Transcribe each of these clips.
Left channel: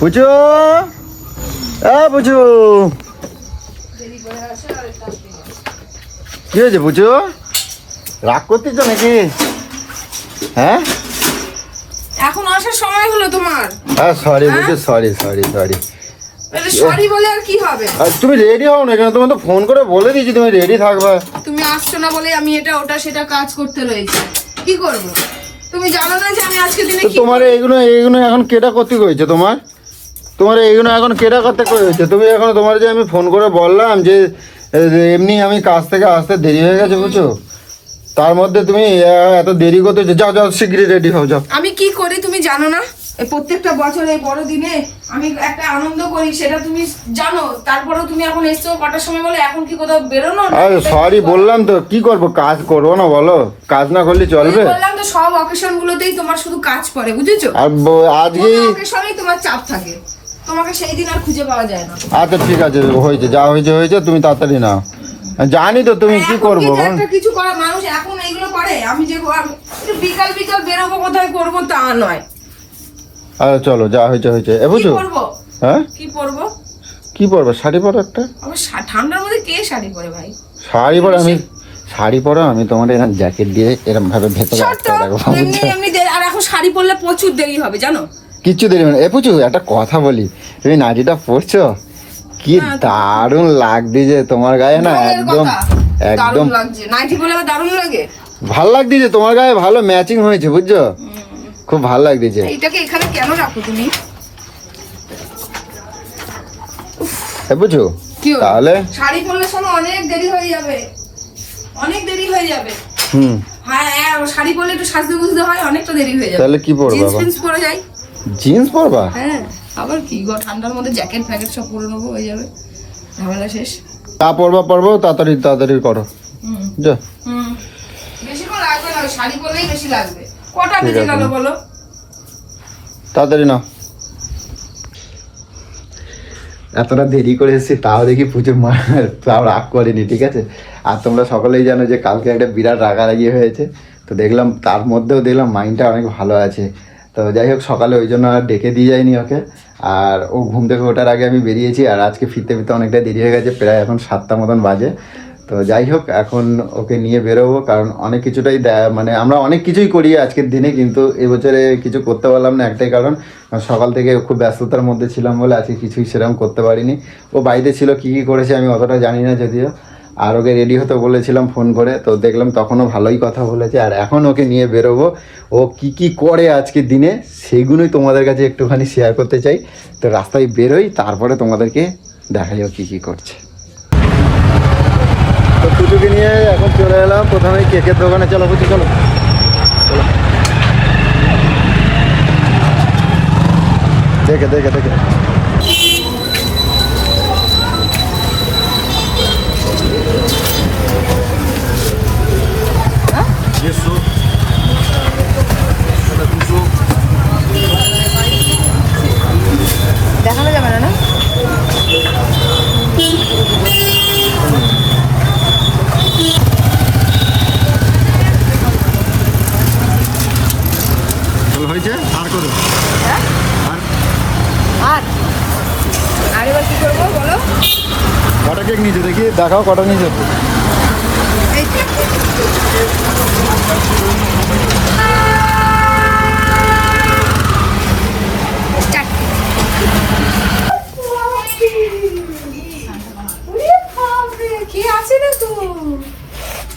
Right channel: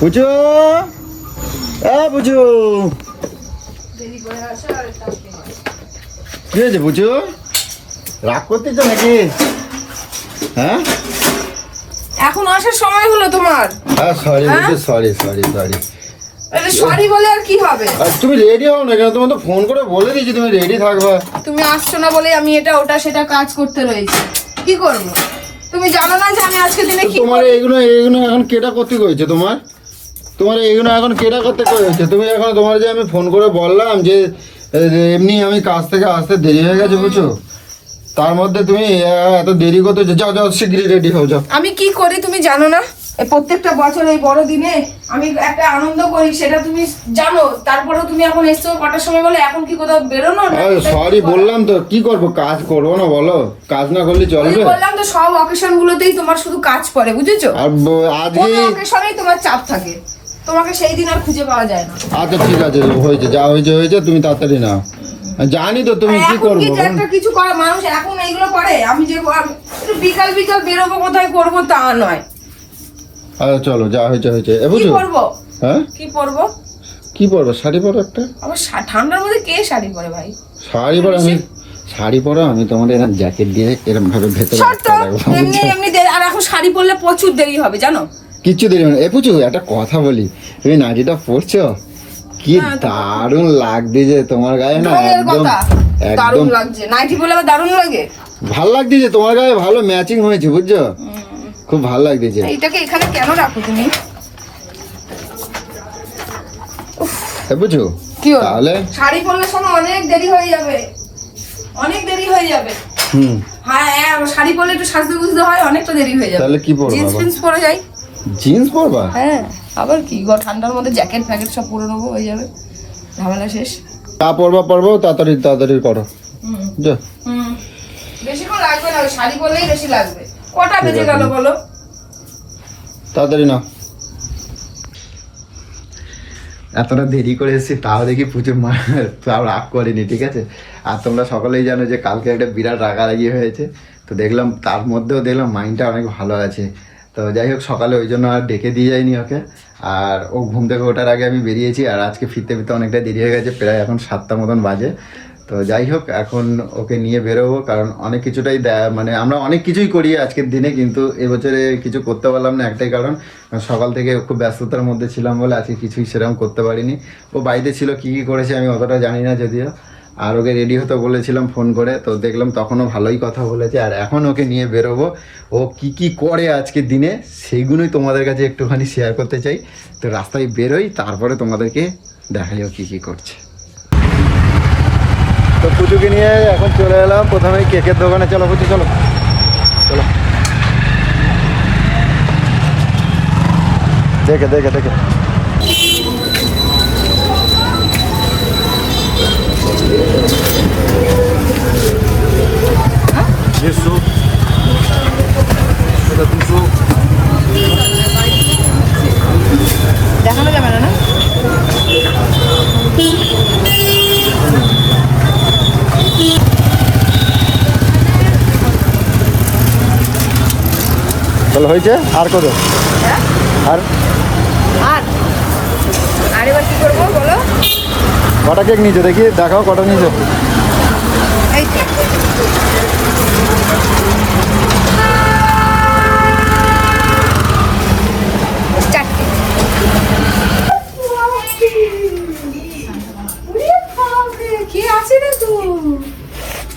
পুচু পুচু কি হয়েছে পুচু? রাগ করতে তো নাকি? হ্যাঁ এখন আসার সময় হলো তোমার। হ্যাঁ সরি বুঝছো, সরি সরি সরি। সরি বলে আর কি হবে? তুমি রেডি হও না কেন? তুমি তো ফোন করে বলে দিয়েছি তুমি রেডি থাকবে। তুমি আসছো না বলে আমি এটা ওটা সেটা কাজ করতে রয়েছি। কি করব? তুমি জানো না যে আমি আজকে দিনে কি তোমার এইগুলো এখন কেটা করতে কইছে? তোমার এইগুলো এখন কেটা করতে কইছে? তুমি এখন তোমার যে আমি ফোন করে বললাম যে এমনি আমি কাজ থেকে আসতে দেরি হয়ে গেছে বুঝছো, তার মধ্যে তুমি এত দেরি করতে যাও যাও শীঘ্রই রেডি হও যাও। আমি কি করি তুমি জানো না? এই প্রত্যেকটা বছর এই বড় দিনে আমি একটা আনন্দ করি, সেটা তুমি জানো। তারপরেও তুমি এখন এসছো কটার সময় বলে এখন কি কোথাও বেরোনো? আরে সরি বললাম তো, কি করব? কাজ করবো না বলো? কাজ না করলে চলবে? বললাম তো সব অকেশন গুলোতেই তোমার শুধু কাজ পড়ে, বুঝেছো? আর আজকে অকেশনেই তোমার চাপ থাকে, তোমাকে সেই দিন আর খুঁজে পাওয়া যায় না। আচ্ছা ঠিক আছে, হয়েছে যা হয়েছে হয়েছে, তুমি তাড়াতাড়ি নাও। জানি তো তুমি কি করবো। একটা কিছু করা মানুষ এখন এইগুলো করে। আমি যে বিকাল বিকাল বেরোবো কোথায় করবো তা নয়। আচ্ছা চলো, যা হয়েছে হয়েছে। বুঝছো? হ্যাঁ কি পরবো? কি পরবে? শাড়ি পরো একটা। আবার ঠান্ডার মধ্যে কে শাড়ি পরে ভাই? শাড়ি পরো, শাড়ি পরো, আমি তোমার এরকম জ্যাকেট দিয়ে এরকম ভাবে ভেতরে আটকে রাখবো। আর এখন শাড়ি পরলে প্রচুর দেরি হবে জানো। কিচ্ছু দেরি হবে না। পুচু একটা কথা বলি, তুমি নাইটিটা পরছো, কি দারুণ লাগছে তোমার গায়ে না, একদম একদম লাগছে। নাইটি পরলে আবার দারুণ লাগে। ভালো লাগছে তোমার গায়ে, ভালো ম্যাচিং হয়েছে বুঝছো, খুব ভালো লাগছে। এইটাকে এখানে কেন রাখো তুমি? বুঝছো তাহলে শাড়ি পরলে শোনো অনেক দেরি হয়ে যাবে, অনেক দেরি হয়ে যাবে। হ্যাঁ শাড়ি পরলে একটু সাজতে বুঝতে হয়, অনেকটা দেরি হয়ে যাবে। তাহলে কি পরবো? জিন্স পরে যাই। জিন্স পরবা? হ্যাঁ আবার কি গো, ঠান্ডার মধ্যে জ্যাকেট ফ্যাকেট সব পরে নেবো, হয়ে যাবে ঝামেলা শেষ। তা পরবো, তাড়াতাড়ি তাড়াতাড়ি করো। বেশিক্ষণ লাগবে না, শাড়ি পরলেই বেশি লাগবে। কটা বেজে গেল বলো? তাড়াতাড়ি নাও। এতটা দেরি করে এসেছি তাও দেখি পুজো মা তাও রাগ করেনি, ঠিক আছে। আর তোমরা সকলেই জানো যে কালকে একটা বিরাট রাগারাগি হয়েছে, তো দেখলাম তার মধ্যেও দেখলাম মাইন্ডটা অনেক ভালো আছে। তো যাই হোক সকালে ওই জন্য আর ডেকে দিয়ে যায়নি ওকে। আর ও ঘুম থেকে ওঠার আগে আমি বেরিয়েছি, আর আজকে ফিরতে ফিরতে অনেকটা দেরি হয়ে গেছে, প্রায় এখন 7টা মতন বাজে। তো যাই হোক এখন ওকে নিয়ে বেরোবো, কারণ অনেক কিছুটাই মানে আমরা অনেক কিছুই করি আজকের দিনে, কিন্তু এবছরে কিছু করতে পারলাম না একটাই কারণ, সকাল থেকে খুব ব্যস্ততার মধ্যে ছিলাম বলে আজকে কিছুই সেরকম করতে পারিনি। ও বাড়িতে ছিল, কী কী করেছে আমি অতটা জানি না যদিও। আর ওকে রেডি হতে বলেছিলাম ফোন করে, তো দেখলাম তখনও ভালোই কথা বলেছে। আর এখন ওকে নিয়ে বেরোবো, ও কি কি করে আজকের দিনে সেইগুলোই তোমাদের কাছে একটুখানি শেয়ার করতে চাই। তো রাস্তায় বেরোই, তারপরে তোমাদেরকে দেখাই ও কী কী করছে। তো পুজোকে নিয়ে এখন চলে এলাম প্রথমে কেকের দোকানে। চলো পুজো চলো চলো, দেখে দেখে দেখে দেখানো যাবে না? হয়েছে আর করো। হ্যাঁ আর আর এবার কি করবো বলো? কটা কেক নিয়েছো দেখি, দেখাও কটা নিয়েছো। কি আছে রে তো?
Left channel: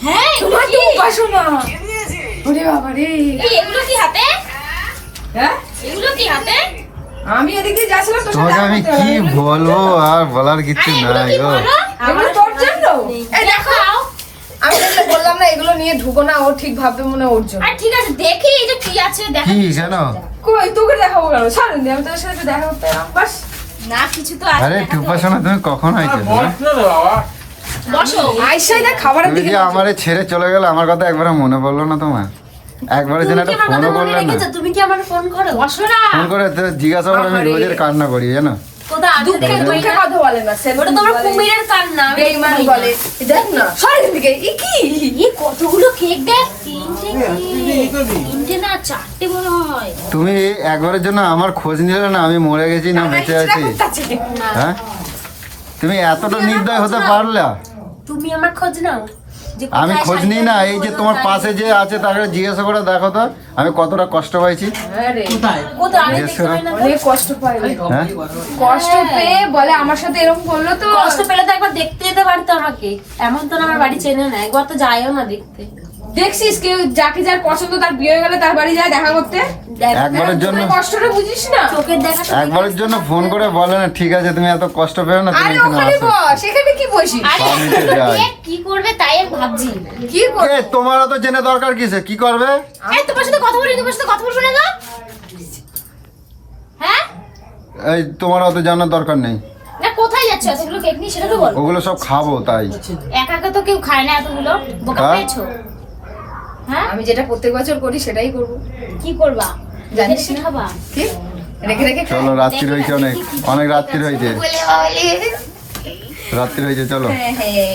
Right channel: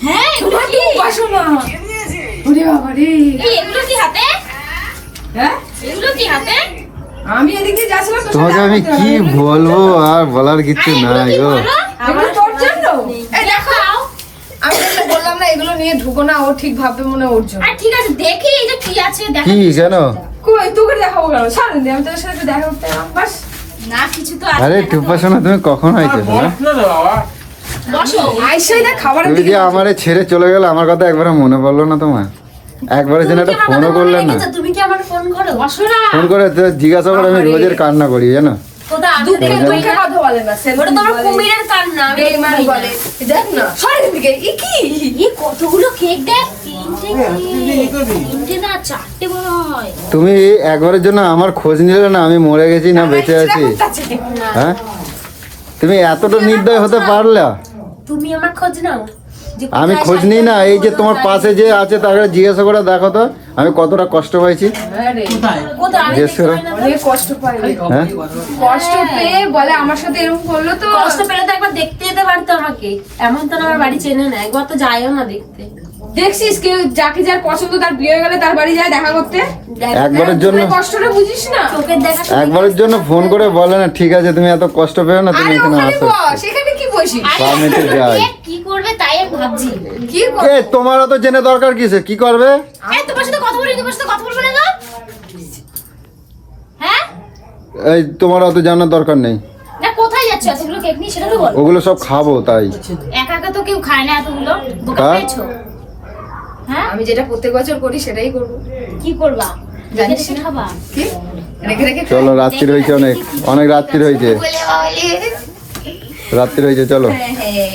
হ্যাঁ তোমার কি উপাসনা? ওরে বাবা রে, এগুলো কি হাতে? হ্যাঁ এগুলো কি হাতে? আমি এদিকে যাচ্ছিলাম তো তোমাকে আমি কি বলবো, আর বলার কিছু নাই গো। আমার তোর জন্য এই দেখো, আমি তো বললাম না এগুলো নিয়ে ঢুকো না, ও ঠিক ভাববে মনে ওর জন্য। আর ঠিক আছে দেখি এই যে কি আছে দেখো। কি জানো? কই তোকে দেখাবো কেন? ছাড়ুন দি, আমি তোর সাথে দেখা করতে এলাম বাস। না কিছু তো আছে। আরে টুপাসনা তুমি কখন হয়েছে? বসো। আইসাই না খাবারের তুমি দিকে যে আমারে ছেড়ে চলে গেল, আমার কথা একবার মনে পড়লো না তোমার? একবারের জন্য একটা ফোনও করলাম না। তুমি কি আমার ফোন করো? বসো না। ফোন করে জিজ্ঞাসা করে আমি রোজের কান্না করি জানো। কোথায় আমি দুঃখে দেখতে পাই দুঃখে না। কথা বলে না, ওটা তো আমার কুমিরের কান্না, আমি দেখতে বেইমান পাই না। বলে। দেখ না, সর এখান থেকে। এ কি? এই কতগুলো কেক দেখ, তিনটে না চারটে মনে হয়। তুমি একবারের জন্য আমার খোঁজ নিলে না, আমি মরে গেছি না টানা বেঁচে হিচড়া আছি? করতে আছে কি? না, হ্যাঁ, তুমি এতটা নির্দয় হতে পারলে? তুমি আমার খোঁজ নাও যে আমি কোথায় খোঁজ নিই না, এই যে তোমার কোথায়- পাশে যে আছে তাকে জিজ্ঞাসা করে দেখো তো আমি কতটা কষ্ট পাইছি। আরে, কোথায় আমি জিজ্ঞেস দেখতে পাই না তো। অনেক কষ্ট পায় রে। হ্যাঁ? কষ্ট পেয়ে বলে আমার সাথে এরকম করলো তো। কষ্ট পেলে তো একবার দেখতে যেতে পারতো আমাকে, এমন তো না আমার বাড়ি চেনে না, একবার তো যায়ও না দেখতে। দেখছিস কেউ যাকে যার পছন্দ তার বিয়ে হয়ে গেলে তার বাড়ি যায় দেখা করতে? দেখো একবারের জন্য তোর কষ্টটা বুঝিস না? চোখের দেখা তো একবারের জন্য ফোন করে বলে না, ঠিক আছে তুমি এত কষ্ট পেও না, তুমি আরে এখানে ওখানে আসো। বস, এখানে কি বসিস? আরে আমি তো যাই। কে কি করবে তাই আমি ভাবছি। কি বল? এ, তোমার তো জেনে দরকার কিসে, কি করবে? এই তোমার সাথে কথা বলি, তোমার সাথে কথা বলবো না গো? হ্যাঁ এই তোমার অত জানার দরকার নেই, না, কোথায় যাচ্ছে এতগুলো কেক নিয়ে সেটা তো বল। ওগুলো সব খাবো তাই। একা একা তো কেউ খায় না এতগুলো, বোকা হ্যাঁ? পেয়েছো? হ্যাঁ আমি যেটা প্রত্যেক বছর করি সেটাই করবো। কি করবা? জানিস রেখে না? খাবা? কি? রেখে রেখে খাই? চলো, রাত্রি রয়েছে, অনেক অনেক রাত্রি রয়েছে, বলে বাবালে। রাত্রি রয়েছে, চলো। হ্যাঁ, হ্যাঁ।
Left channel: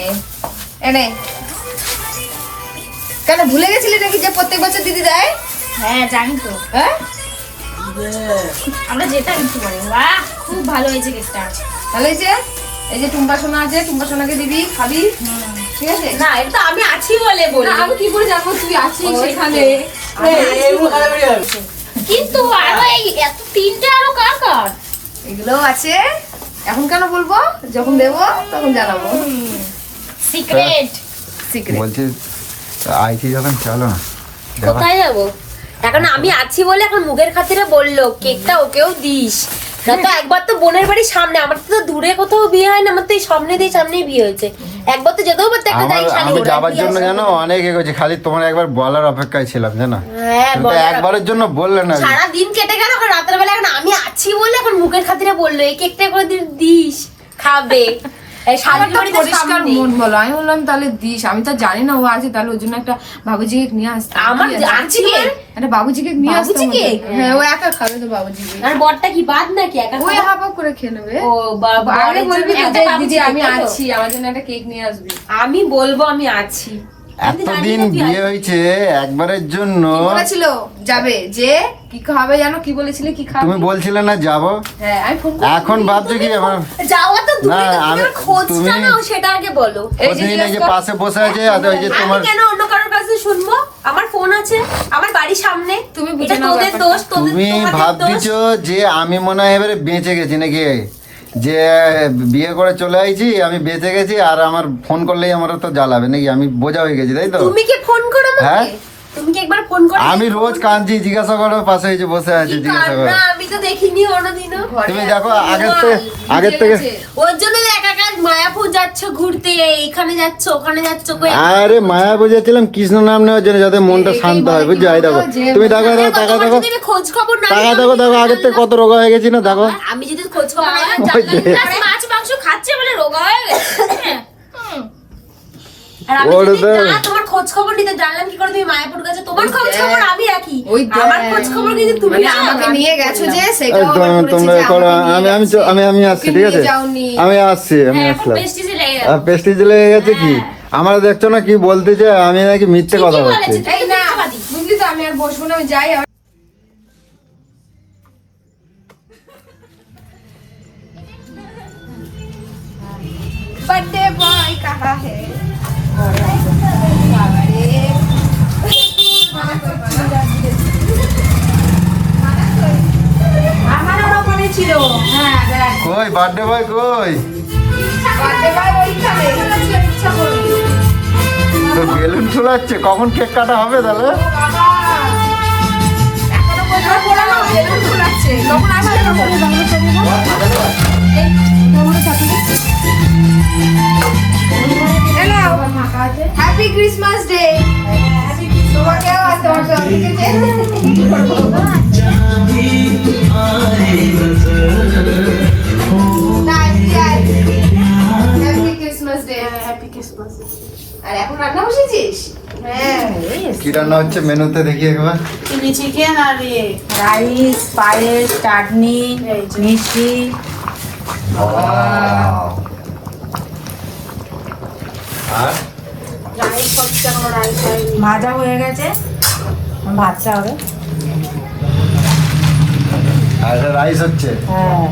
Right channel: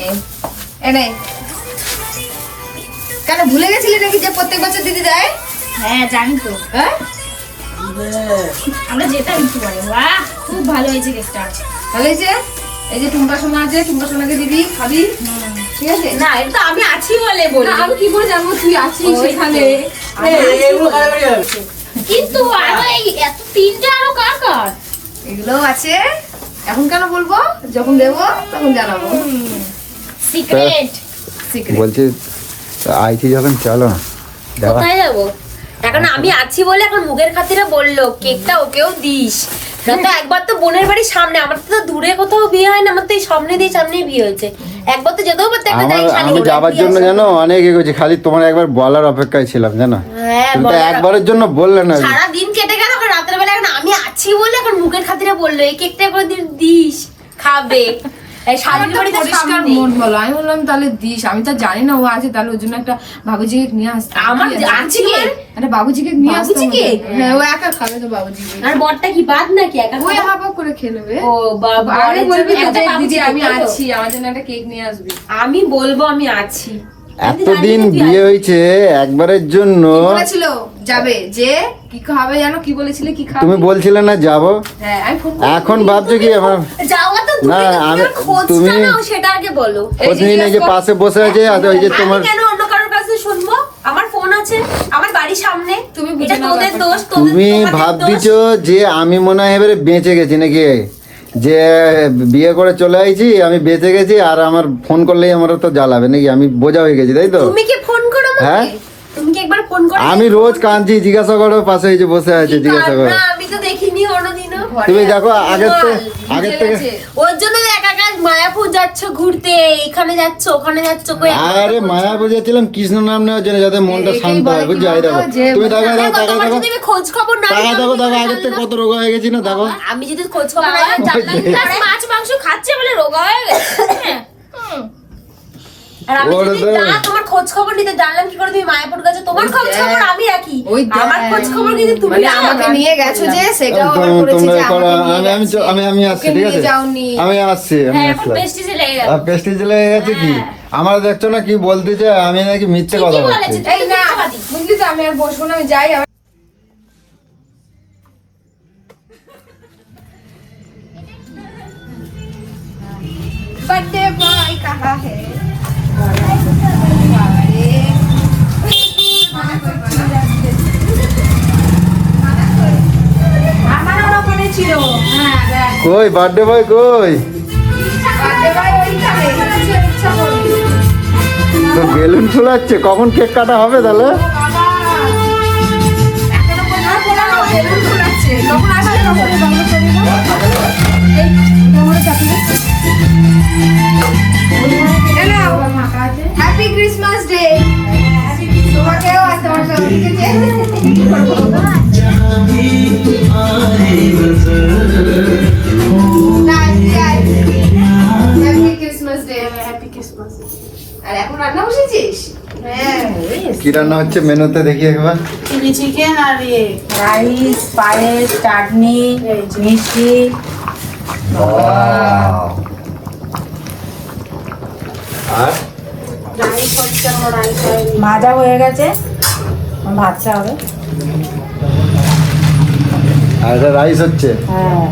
এনে। কেন ভুলে গেছিলি নাকি যে প্রত্যেক বছর দিদি দেয়? হ্যাঁ জানি তো, হ্যাঁ? আমরা যেতাম কি বলো। বাহ খুব ভালো হয়েছে কেকটা। ভালো হয়েছে? এই যে টুম্পা সোনা আছে, টুম্পা সোনাকে দিবি, খাবি। ঠিক আছে? না এটা তো আমি আছি বলে না, বলি, আমি কি করে জানবো তুই আছিস সেখানে? কিন্তু আরো এই এত তিনটে আরো কার কার? এগুলো আছে। এখন কেন বলবো? যখন দেবো তখন জানাবো। সিক্রেট। সিক্রেট। বলছি আইছি যখন, চলো। কোথায় যাবো? এখন আমি আছি বলে এখন মুখের খাতিরে বললো কেকটা ওকেও দিস। দেখো একবার তো বোনের বাড়ির সামনে, আমার তো দূরে কোথাও বিয়ে হয় না, আমার তো এই সামনেই বিয়ে হয়েছে। একবার তো যেতেও পারতো, একটা যাই শাড়ি আমি পরে যাবার দিয়ে জন্য আসা। জানো অনেক এগোছি, খালি তোমার একবার বলার অপেক্ষায় ছিলাম জানো। হ্যাঁ তুমি তো বলে একবারের জন্য বললে না। সারা দিন কেটে গেল, এখন রাতের বেলা এখন আমি আছি বলে এখন মুখের খাতিরে বললো এই কেকটা করে দিস, খাবে। এই আমার শাড়ির তো বাড়িতে পরিষ্কার সামনে। মন বলো। আমি বললাম তাহলে দিস, আমি তো জানি না ও আছে, তাহলে ওর জন্য একটা বাবুজি কেক নিয়ে আসতে। আমার আছি কেক? একটা বাবুজি কেক নিয়ে আসতে। বাবুজি কেক? হ্যাঁ, ও একা খাবে তো বাবুজি কেক। আর বরটা কি বাদ নাকি একা ওই খাবে? হাফ হাফ করে খেয়ে নেবে। ও বাবা, আগে বলবি তো একটা যে, বাবুজি দিদি কেক, আমি তাই তো? আছি, আমার জন্য একটা কেক নিয়ে আসবি। আমি বলবো আমি আছি। আমি তো জানি এতদিন না তুই বিয়ে আসবি। হয়েছে একবারের জন্য, কি বলেছিল যাবে, যে কি খাবে জানো, কি বলেছিলে কি খাবে? তুমি বলছিলে না যাবো, হ্যাঁ, আমি ফোন করি। এখন ভাবছি কি এবার যাওয়া তো দূরে, না, তোমার আমি- খোঁজটা তুমি- নাও সেটা আগে বলো। এই যে খোঁজ নিয়ে জিজ্ঞাসা যে কর। পাশে বসে আছে, আর ওই যে আমি তোমার কেন অন্য কারোর কাছে শুনবো? আমার ফোন আছে, আমার বাড়ির সামনে। তুমি বুঝে এটা নাও তোদের ব্যাপারটা। দোষ, তোদের তুমি তোমাদের দোষ। ভাবছো যে আমি মনে হয় এবারে বেঁচে গেছি নাকি, যে বিয়ে করে চলে আইছি আমি বেঁচে গেছি, আর আমার ফোন করলেই আমার তো জ্বালাবে নাকি, আমি বোঝা হয়ে গেছি তাই তো। তুমি কি ফোন করো আমাকে? হ্যাঁ? তুমি কি একবার ফোন করো? আমি রোজ কাঁদছি, জিজ্ঞাসা করো পাশে এই যে বসে আছে, জিজ্ঞাসা করো। না আমি তো দেখিনি কোনোদিনও। তুমি দেখো আগের থেকে ওর জন্য একা একা মায়াপুর যাচ্ছ ঘুরতে, এখানে যাচ্ছ ওখানে যাচ্ছ, কই আরে মায়া বুঝেছিলাম কৃষ্ণ নাম নেওয়ার জন্য, যাতে মনটা শান্ত হয়, বুঝছো? এই দেখো তুমি দেখো দেখো টাকা তোমার দেখো যদি আমি খোঁজ খবর না টাকা নিই, দেখো দেখো আগের থেকে কত রোগা হয়ে গেছি না, দেখো। আমি যদি খোঁজ খবর না নিই, জানলাম না মাছ মাংস খাচ্ছে বলে রোগা হয়ে গেছে। হ্যাঁ। আর আমি যদি ওর তো- না তোমার খোঁজ খবর নিতে জানলাম কি করে তুমি মায়াপুর গেছো, তোমার খোঁজ খবর আমি রাখি, ওই আমার খোঁজ খবর কিন্তু তুমি মানে রাখো। আমাকে নিয়ে গেছো যে সেটাও আবার তুমি করেছি যে করো, আমাকে নিয়ে আমি গেছে। আমি আসছি, ওকে ঠিক নিয়ে আছে যাওনি। আমি আসছি, আমি হ্যাঁ এখন আসলাম। পেস্টিজে লেগে গেল। আর পেস্টিজ লেগে গেছে কি, আমার দেখছো না কি বলতেছে, আমি নাকি মিথ্যে কথা ঠিকই বলছি। বলেছে। এই না, বুঝলি তো আমি আর বসবো না, আমি যাই। बर्थडे बॉय कहाँ है? আমারও না মনে ছিল। হ্যাঁ, কই বার্থডে বয় কই, বার্থডে বয় ওইখানে। ইচ্ছা করলি। বেলুন ছুড়াচ্ছে, কখন কেক কাটা হবে তাহলে? এখনো কোথাও পড়ানো, বেলুন ফুলাচ্ছে। কখন আসবে তখন বাংলা চলে যাবো। এই, তোমরা চাকরি হ্যালো, হ্যাপি ক্রিসমাস ডে। তোমাকেও আর তোমার জন্মদিনে happy Christmas day. Happy Christmas. আর এখন রান্না বসেছিস? হ্যাঁ। কি রান্না হচ্ছে মেনুতে দেখি একবার। চিলি চিকেন আর রাইস পায়েস চাটনি মিষ্টি আর ভাজা হয়ে গেছে, ভাজতে হবে। আর এটা রাইস হচ্ছে। হ্যাঁ,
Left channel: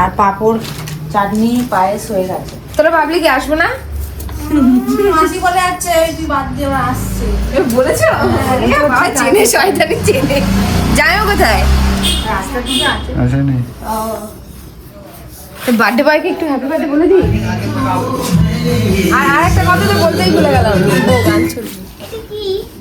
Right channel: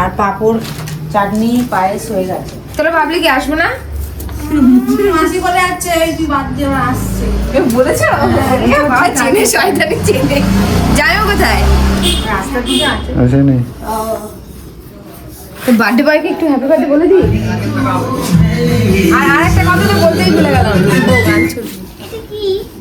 আর পাঁপড়, চাটনি, পায়েস হয়ে গেছে। তোরা ভাবলি কি আসবো না? মাসি বলে যাচ্ছে, এই তুই বাদ দিয়ে আসছে বলেছো? চেনে, শয়তানি চেনে। যাইও কোথায়? রাস্তা দিকে আছে। তো বার্থডে বয়কে একটু হ্যাপি বার্থডে বলে দিই। আর আরেকটা কথা তো বলতেই ভুলে গেলাম।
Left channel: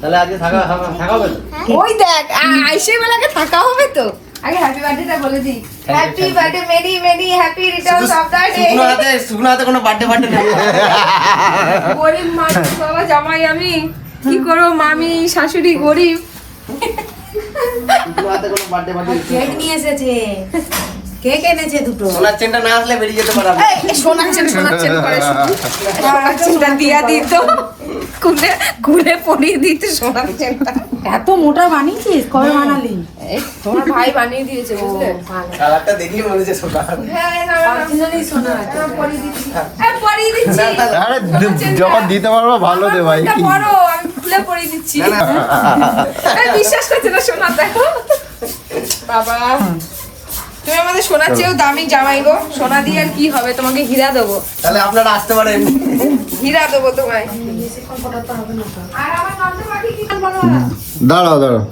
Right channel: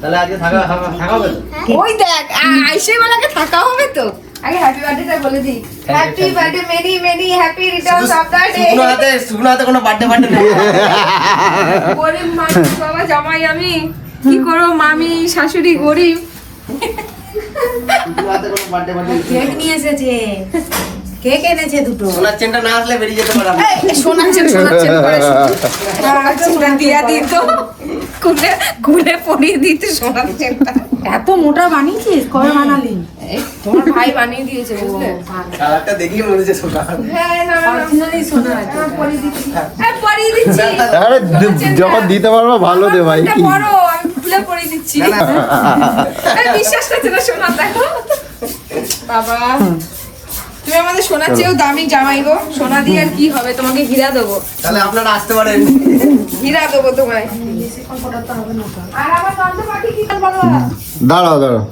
তাহলে আজকে থাকা হবে তো? ওই দেখ, আইসে বেলাকে থাকা হবে তো। আগে হ্যাপি বার্থডেটা বলে দিই। Happy birthday, many many happy Returns of the day. শুকনো হাতে কোনো বার্থডে নেই। গরিব মানুষ বাবা, জামাই আমি কি করবো, মামি শাশুড়ি গরিব। শুকনো হাতে কোনো বার্থডে কেক নিয়ে এসেছে, কেক এনেছে দুটো। সোনার চেনটা না আসলে বেরিয়ে যেতে পারবো। শোনাচ্ছেন করে সোনার চেনটা দিয়া দিত, খুলে পরিয়ে দিত সোনার চেনটা। এত মোটা বানিয়েছিস? কবে বানালি? তোমার ভাই বানিয়ে দিয়েছে, বুঝলে? কালারটা দেখি মনে হচ্ছে সোনা। যখন দিতে পারবো ভালো দে ভাই। বড়, আমি খুলে পরিয়ে দিচ্ছি। বিশ্বাস করছে না সোনা, দেখো বাবা। তুমি আমাদের সোনার চেয়েও দামি জামাই গো। সোনা দিয়ে আর কি হবে, তোমাকে হীরা দেবো। তাহলে আপনারা আসতে পারেন। হীরা দেবো তোমায়। দাঁড়াও দাঁড়াও,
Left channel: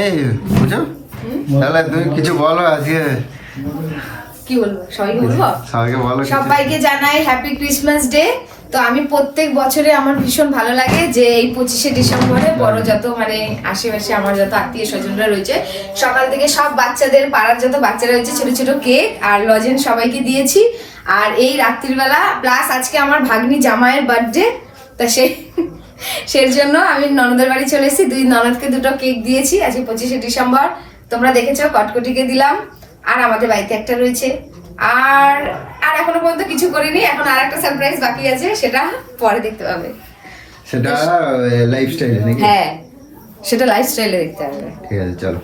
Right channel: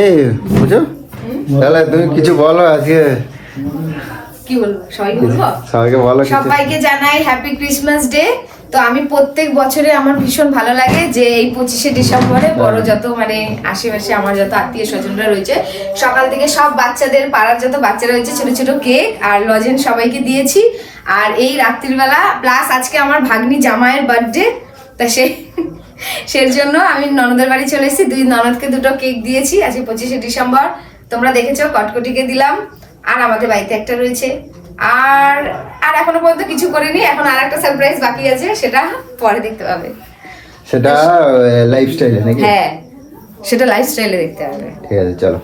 এই বুঝো, তাহলে তুমি কিছু বলো আজকে। কি বলবো, সবাইকে বলবো? সবাইকে বলো কিছু। সবাইকে জানাই হ্যাপি ক্রিসমাস ডে। তো আমি প্রত্যেক বছরে আমার ভীষণ ভালো লাগে যে এই 25শে ডিসেম্বরে বড় যত মানে আশেপাশে আমার যত আত্মীয় স্বজনরা রয়েছে, সকাল থেকে সব বাচ্চাদের, পাড়ার যত বাচ্চারা রয়েছে, ছোট ছোট কেক আর লজেন্স সবাইকে দিয়েছি। আর এই রাত্রিবেলা প্লাস আজকে আমার ভাগ্নি জামাইয়ের বার্থডে, তা সেই জন্য আমি ননদের বাড়ি চলে এসেছি। দুই ননদকে দুটো কেক দিয়েছি আজকে 25শে ডিসেম্বর। তোমরা দেখেছো, কটকটিকে দিলাম। আর আমাদের বাড়িতে একটা রয়েছে। আর এখনো পর্যন্ত কিছু করিনি, এখন আর একটা সারপ্রাইজ বাকি আছে, সেটা পরে দেখতে পাবে। সেটা লাইফস্টাইলে নাকি? হ্যাঁ, সেটা লাইফস্টাইলে দেখতে হবে। ঠিক আছে, চলো।